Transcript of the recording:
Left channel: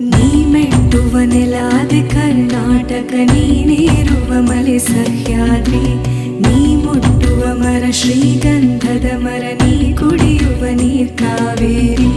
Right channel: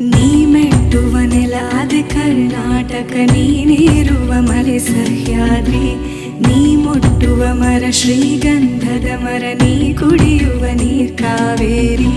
ನೀ ಮೆಟ್ಟುವ ನೆಲಾದೆ ಕರ್ನಾಟಕ, ನೀನೇರುವ ಮಲೆ ಸಹ್ಯಾದ್ರಿ, ನೀ ಮುಟ್ಟುವ ಮರ ಶ್ರೀಗಂಧದ ಮರ, ನೀ ಕುಡಿಯುವ ನೀರ್ ಕಾವೇರಿ.